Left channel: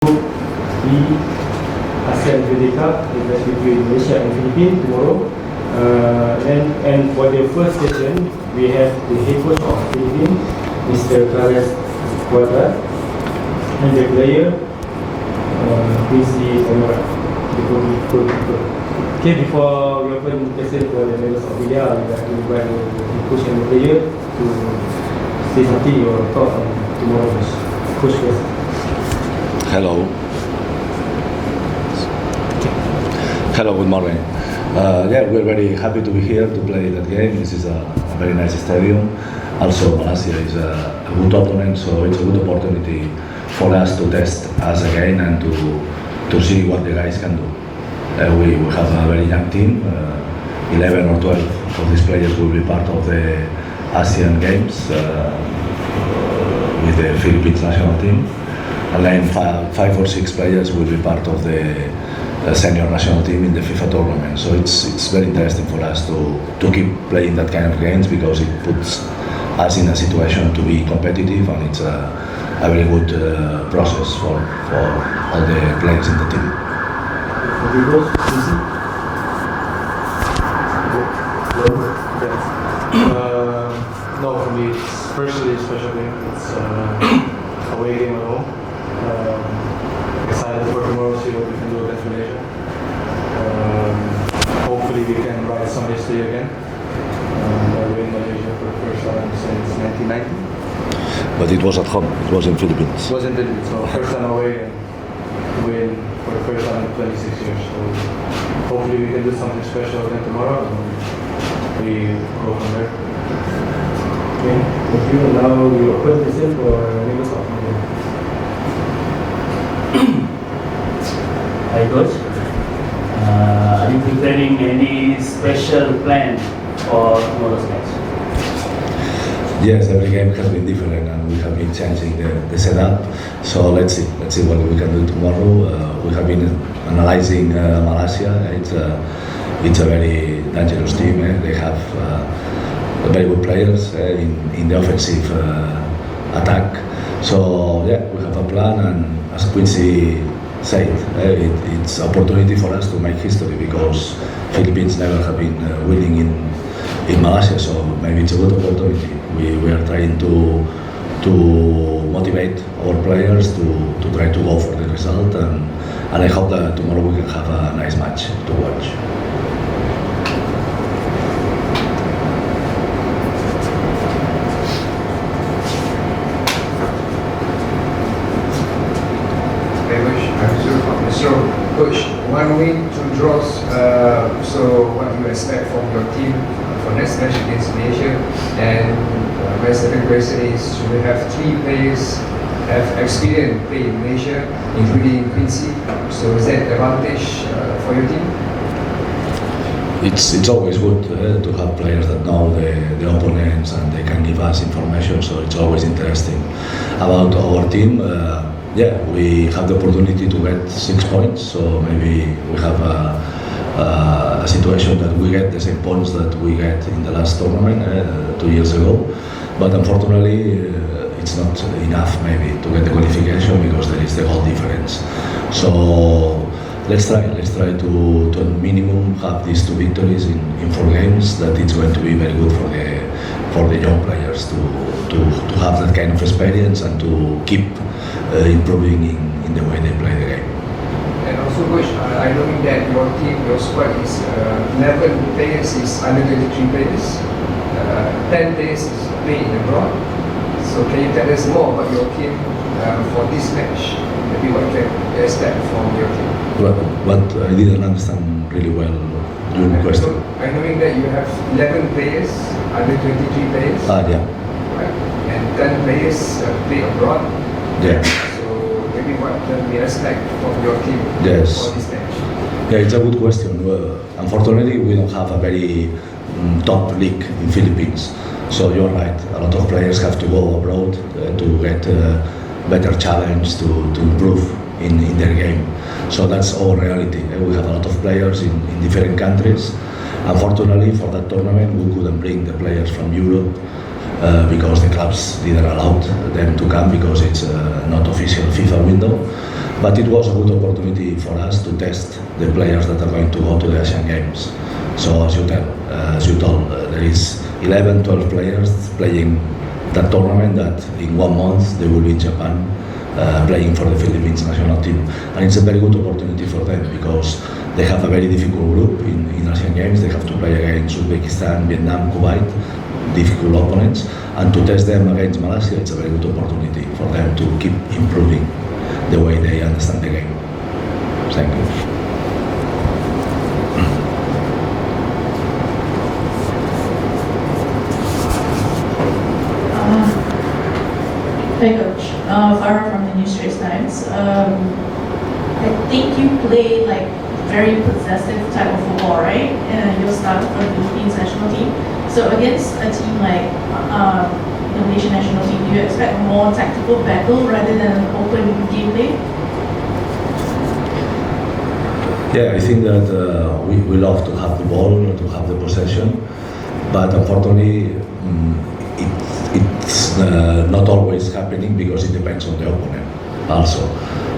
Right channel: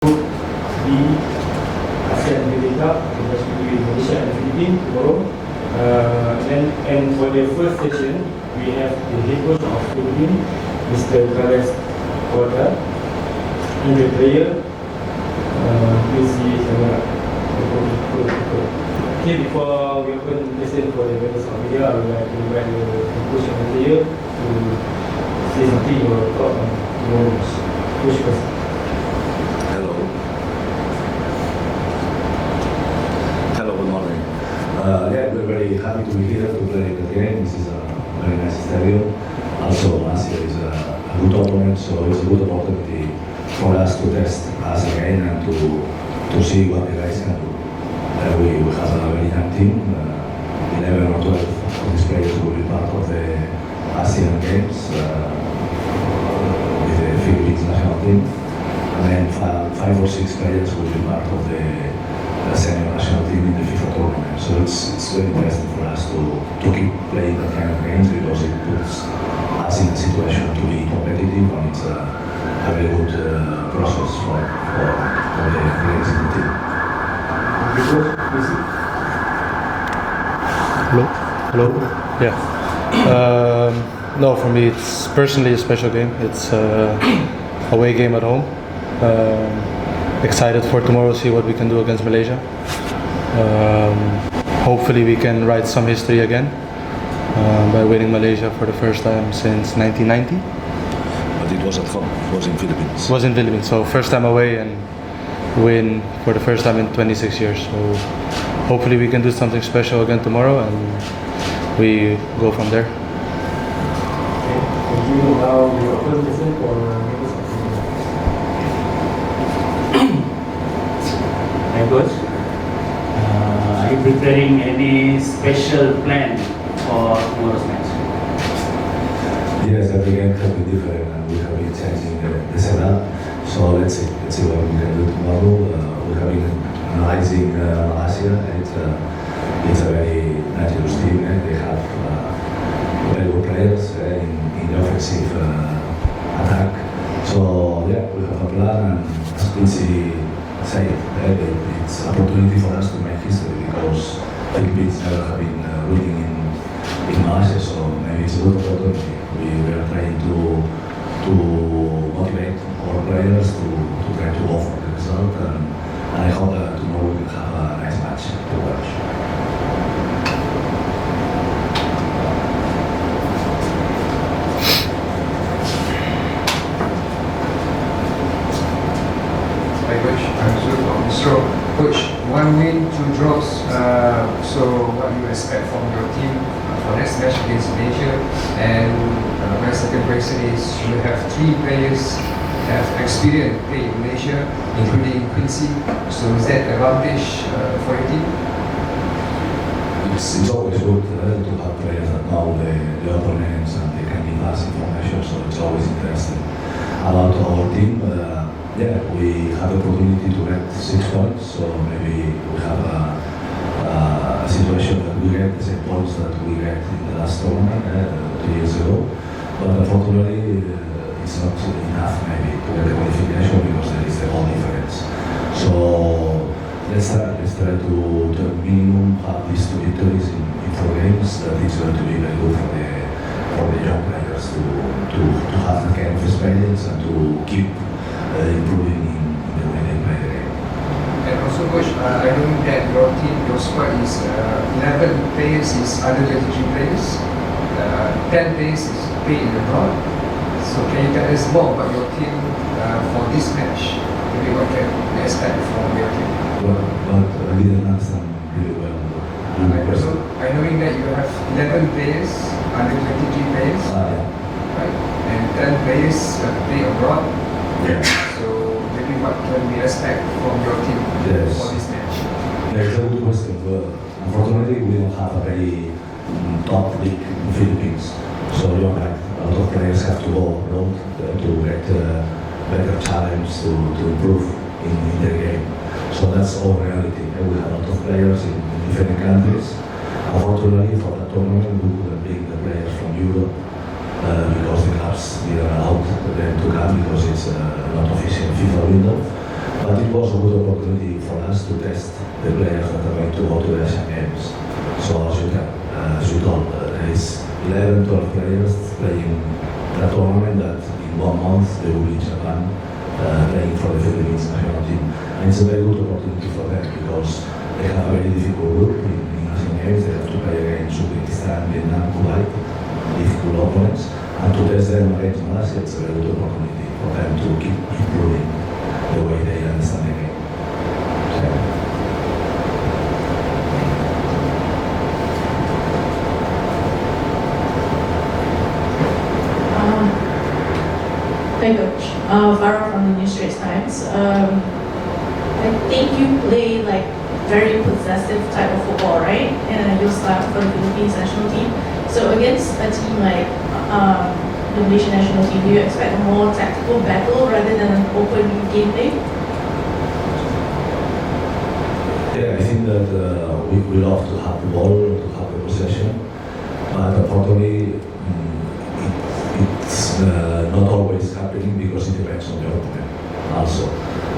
The ASEAN Hyundai Cup between Malaysia and Filipina tomorrow. And for the first session, we have the head coach of Filipina, Mr. Cuadrat, and the player, Quincy Kammeraad. Okay, before we open the session for the members of media, we are invite the coach and the player to say something or talk on tomorrow's coach first. Hello, good morning. We're very happy to be here to play that game. This is a very nice stadium. Also, Malaysia is a good opponent, so it's a good opportunity for us to test us again and to see what the guys can do. We have a very young team. 11 or 12 of these players will be part of the ASEAN Games with the Philippines national team. And then 5 or 6 players will be part of the senior national team in the FIFA tournament. So it's very interesting for us to keep playing that kind of games because it puts us in a situation to be competitive, and it's a very good process for all the players in the team. Yeah. No, for me it's personally a special game. It's away game at home. Excited for tomorrow, see what we can do against Malaysia. Hopefully we can write some history again by winning Malaysia for the first time since 1990. But it was at home, it was in Philippines. It was in Philippines, so first time away and win for the first time in 26 years. So hopefully we can do something special again tomorrow and we go from there. Okay, thank you. Now we open the session for members of media. Hi coach, are you preparing any special plan for tomorrow's match? Yes, every game has been different and we have been changing the setup. So let's see what we can do tomorrow. We have been analyzing Malaysia. It's a very dangerous team. They have very good players in the offensive attack. So we have a plan, and as Quincy said, it's an opportunity for us to make history because Philippines never have been winning in Malaysia. So maybe it's a good opportunity. We are trying to motivate our players to try to go for the result, and I hope that tomorrow we can have a nice match to watch. So, coach, 1 win, 2 draws. So, what do you expect from your team for next match against Malaysia? And my second question is, should we have 3 players have experience play in Malaysia, including Quincy? So, is that advantage for your team? It's always good to have players that know the opponents and they can give us information. So it's always interesting. About our team. We have the opportunity to get 6 points, so maybe we have a situation that we get the same points that we get in the last tournament 2 years ago. But unfortunately, it's not enough maybe to get the qualification because there is the goal difference. So let's try to minimum have these 2 victories in 4 games. That it's going to be very good for the young players to have that kind of experience and to keep improving in the way they play the game. And also, coach, I know that your team, your squad is 11 players is under 23 players, 10 players is playing abroad. So can you tell us more about your team for this match? Maybe what can you expect from your team? But I didn't understand really well your question. I know that you have 11 players, under 23 players, Yeah. right? And 10 players play abroad. Yeah. So maybe what can we expect from your team Yes. for this match? Yeah, it's a good question. Unfortunately, we don't have a very top league in Philippines. So you're right, a lot of players have to go abroad to get better challenge to improve in their game. So that's our reality. We have a lot of players in different countries. Unfortunately, for that tournament, we couldn't bring the players from Europe because the clubs didn't allow them to come because it's not official FIFA window. But it was a good opportunity for us to test the players that are going to go to the ASEAN Games. So as you told, there is 11, 12 players playing that tournament that in 1 month they will be in Japan playing for the Philippines national team. And it's a very good opportunity for them because they have a very difficult group in ASEAN Games. They have to play against Uzbekistan, Vietnam, Kuwait, difficult opponents. And to test them against Malaysia, it's a very good opportunity for them to keep improving the way they understand the game. Thank you. Hi Coach, Farah from the New Straits Times. I think you play like very possessive type of football, right? And you'll start for the Philippines national team. So against a team like the Malaysian national team, do you expect a more tactical battle rather than an open gameplay? Yeah, I think that we love to have the ball, to have the possession, but unfortunately it's not always happening because it depends on the opponent also.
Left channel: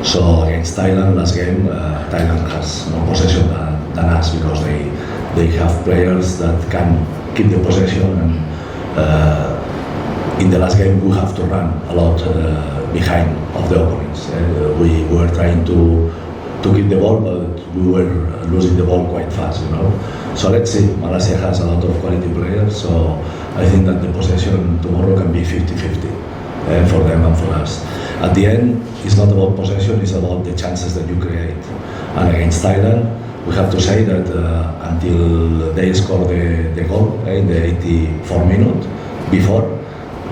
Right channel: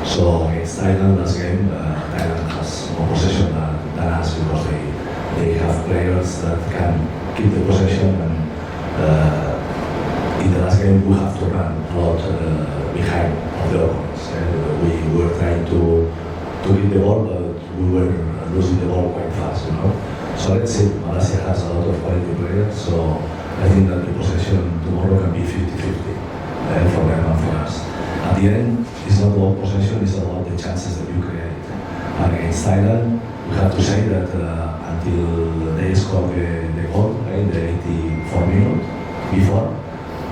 So against Thailand last game, Thailand has more possession than us because they have players that can keep the possession, and in the last game we have to run a lot behind of the opponents. We were trying to keep the ball, but we were losing the ball quite fast, you know. So let's see, Malaysia has a lot of quality players, so I think that the possession tomorrow can be 50-50 for them and for us. At the end, it's not about possession, it's about the chances that you create. And against Thailand, we have to say that until they score the goal in the 84 minute, before,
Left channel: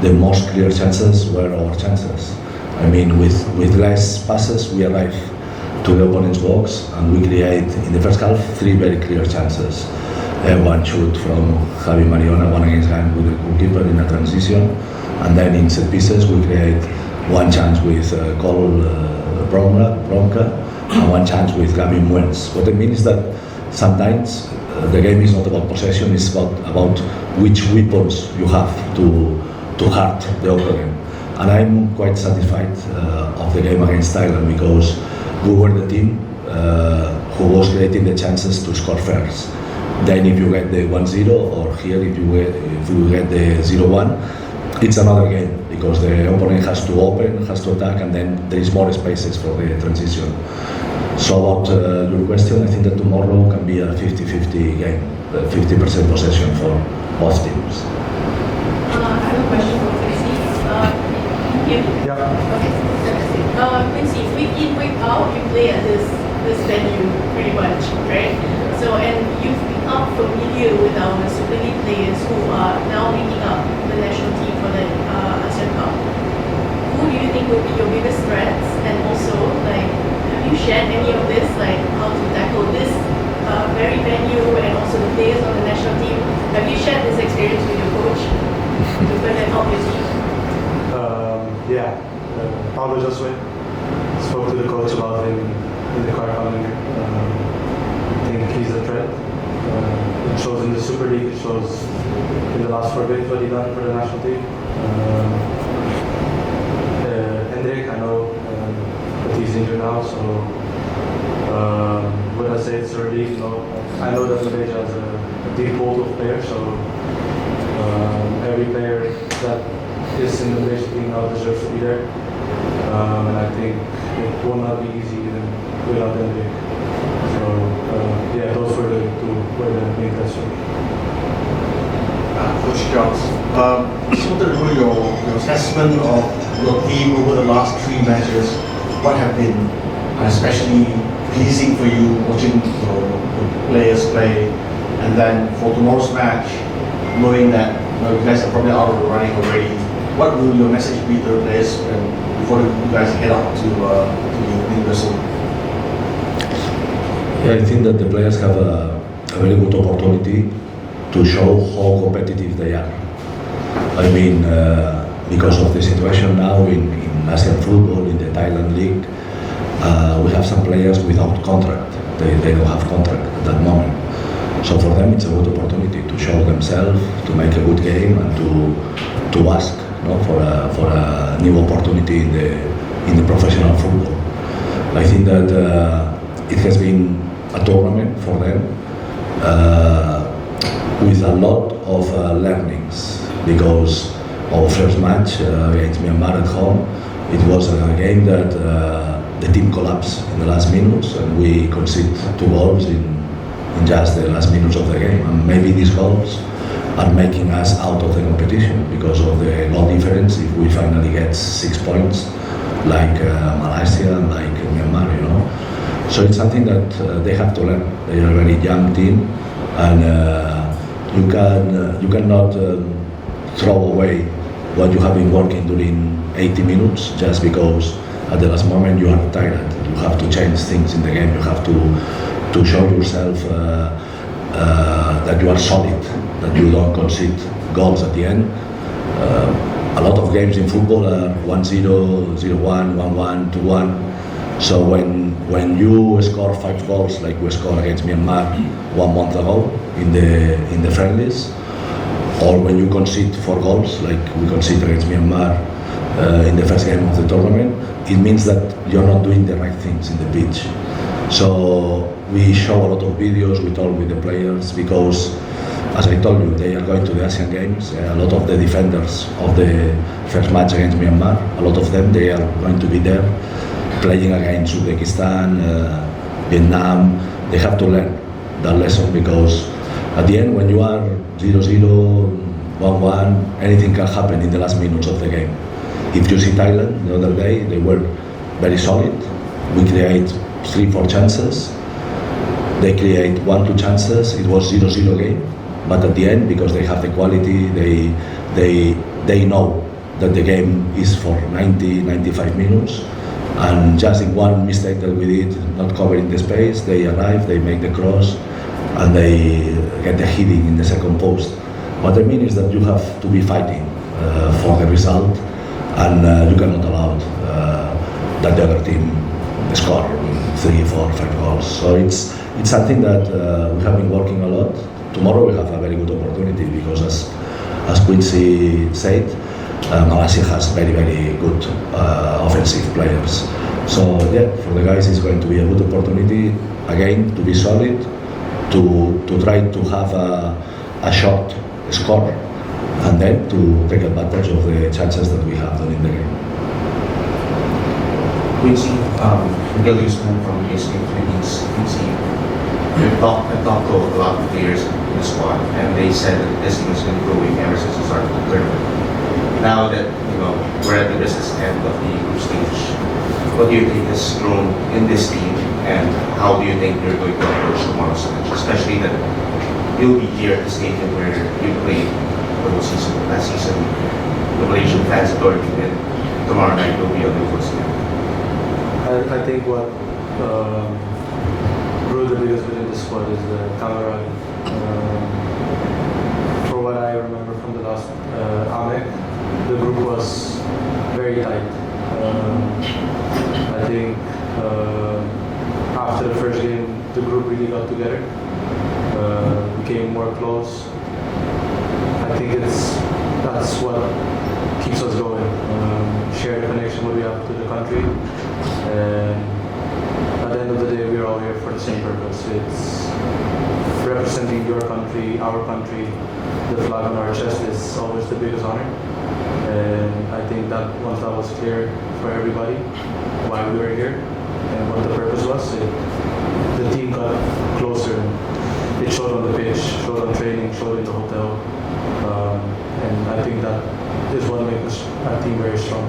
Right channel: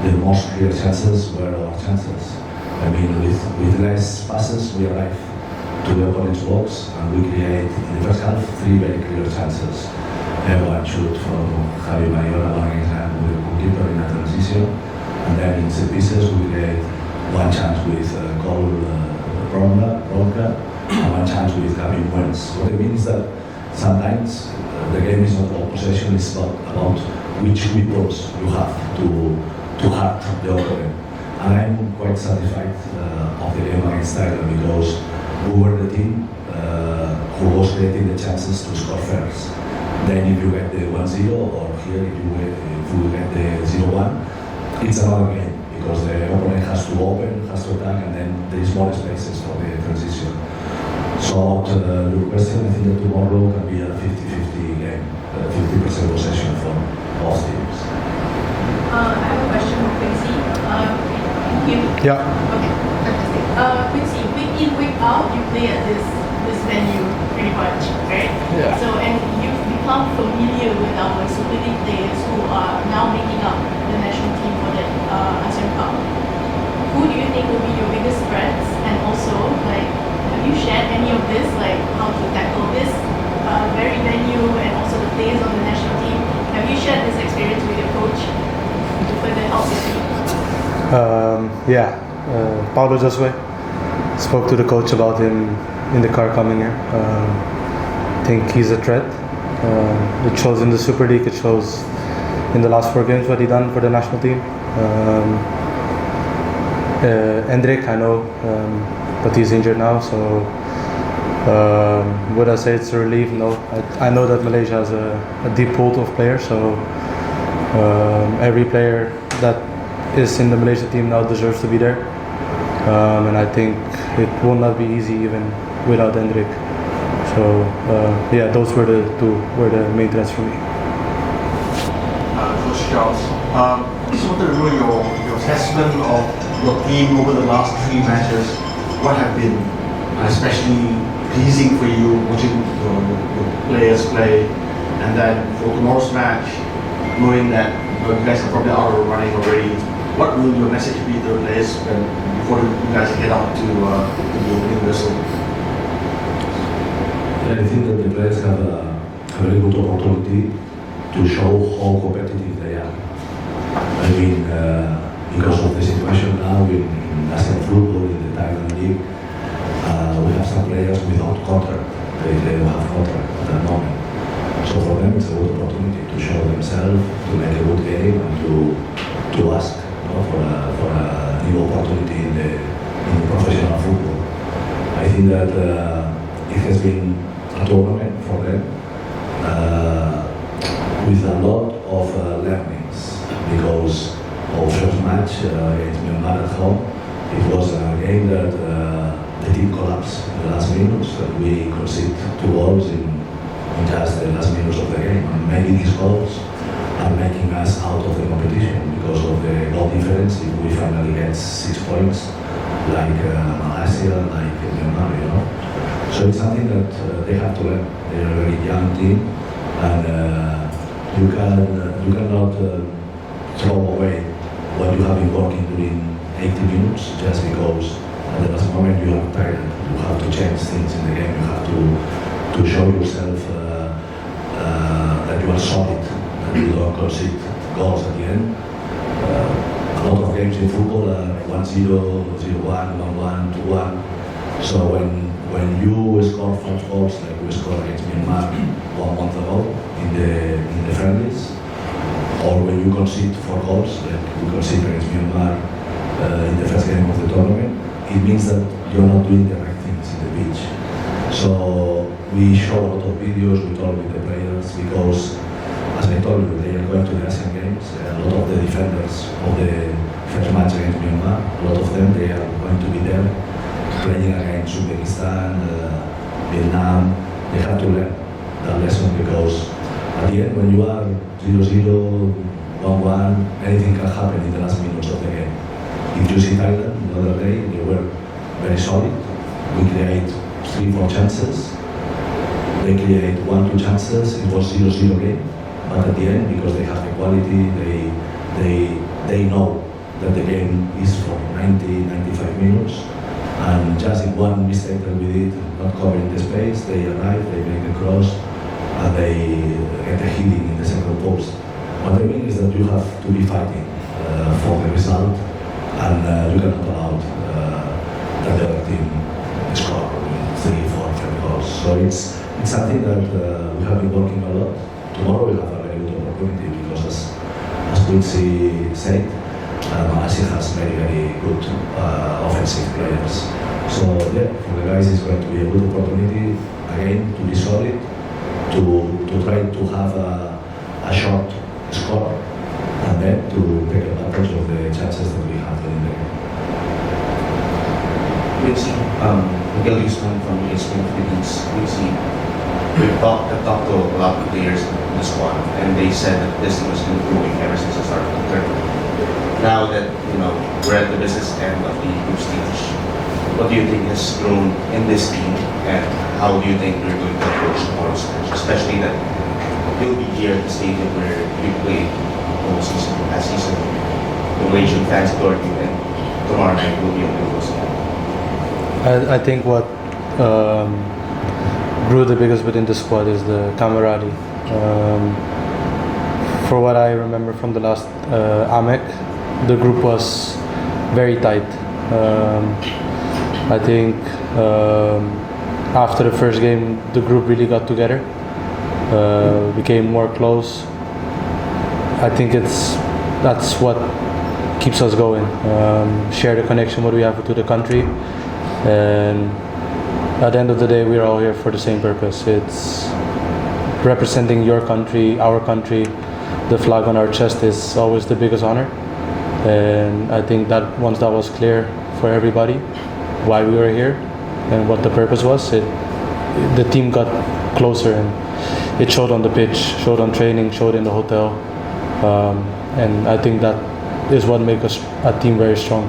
the most clear chances were our chances. I mean, with less passes, we arrive to the opponent's box and we create, in the first half, 3 very clear chances. One shoot from Javi Mariona, one against hand with the goalkeeper in a transition, and then in set pieces we create one chance with goal Bronca, and one chance with Gavin Wells. What I mean is that sometimes the game is not about possession, it's about which weapons you have to hurt the opponent. And I'm quite satisfied of the game against Thailand because we were the team who was creating the chances to score first. Then if you get the 1-0, or here if you get the 0-1, it's another game because the opponent has to open, has to attack, and then there is more spaces for the transition. So to your question, I think that tomorrow can be a 50-50 game, 50% possession for both teams. I have a question for Quincy. Yeah. Okay, fantastic. Quincy, week in, week out, you play at this venue pretty much, right? Yeah. So, and you've become familiar with our Super League players who are now making up the national team for the ASEAN Cup. Who do you think will be your biggest threats? And also, like, have you shared any of this, like how to tackle this very venue and also the players on the national team? Have you shared this experience with your coach to further help your team? Yeah. Paulo Josue spoke to the coach about him in the car coming here. I think he's a threat. It shows in the Super League, it shows in the last 4 games what he done for the national team. Hendrik, I know, but he's injured now, so would I say it's a relief? No. I know that Malaysia has a deep pool of players, so every player that is in the Malaysia team now deserves to be there. And I think it will not be easy even without Hendrik. So yeah, those were the main threats for me. Coach Charles, just want to know your assessment of your team over the last 3 matches. What have been especially pleasing for you watching the players play, and then for tomorrow's match, knowing that you guys are probably out of running already. What will your message be to the players before you guys head out to the University? Yeah, I think that the players have a very good opportunity to show how competitive they are. I mean, because of the situation now in ASEAN football, in the Thailand League, we have some players without contract. They don't have contract at that moment. So for them, it's a good opportunity to show themselves, to make a good game, and to ask for a new opportunity in the professional football. I think that it has been a tournament for them with a lot of learnings, because our first match against Myanmar at home, it was a game that the team collapsed in the last minutes, and we conceded 2 goals in just the last minutes of the game. And maybe these goals are making us out of the competition because of the goal difference. If we finally get 6 points, like Malaysia, like Myanmar, you know. So it's something that they have to learn. They are a very young team, and you cannot throw away what you have been working during 80 minutes just because at the last moment you are tired. You have to change things in the game. You have to show yourself that you are solid, that you don't concede goals at the end. A lot of games in football are 1-0, 0-1, 1-1, 2-1. So when you score 5 goals like we scored against Myanmar 1 month ago in the friendlies, or when you concede 4 goals like we conceded against Myanmar in the first game of the tournament, it means that you're not doing the right things in the pitch. So we show a lot of videos, we talk with the players, because as I told you, they are going to the ASEAN Games. A lot of the defenders of the first match against Myanmar, a lot of them, they are going to be there playing against Uzbekistan, Vietnam. They have to learn that lesson, because at the end, when you are 0-0, 1-1, anything can happen in the last minutes of the game. If you see Thailand the other day, they were very solid. We create 3-4 chances. They create 1-2 chances. It was 0-0 game. But at the end, because they have the quality, they know that the game is for 90-95 minutes. And just in one mistake that we did, not covering the space, they arrive, they make the cross, and they get the hitting in the second post. What I mean is that you have to be fighting for the result, and you cannot allow that the other team score 3, 4, 5 goals. So it's something that we have been working a lot. Tomorrow we have a very good opportunity, because as Quincy said, Malaysia has very, very good offensive players. So yeah, for the guys it's going to be a good opportunity, again, to be solid, to try to have a short score, and then to take advantage of the chances that we have in the game. Quincy, Miguel Guzman from ASEAN Philippines. Quincy, I've talked to a lot of players in the squad, and they said that this was improving ever since the start of the tournament. Now that we're at the business end of the group stage, what do you think has grown in this team, and how do you think you're going to approach tomorrow's match, especially that you'll be here at the stadium where you played the whole season, last season, the Malaysian fans adored you, and tomorrow night will be a big one again. I think what grew the biggest within the squad is the camaraderie. For what I remember from the last AMEC, the group was very tight. I think after the first game, the group really got together, became more close. I think that's what keeps us going. Share the connection what we have to the country, and at the end of the day, we're all here for the same purpose. It's representing your country, our country. The flag on our chest is always the biggest honor, and I think that once that was clear for everybody, why we were here and what the purpose was, the team got closer, and it showed on the pitch, showed on training, showed in the hotel, and I think that is what makes us a team very strong.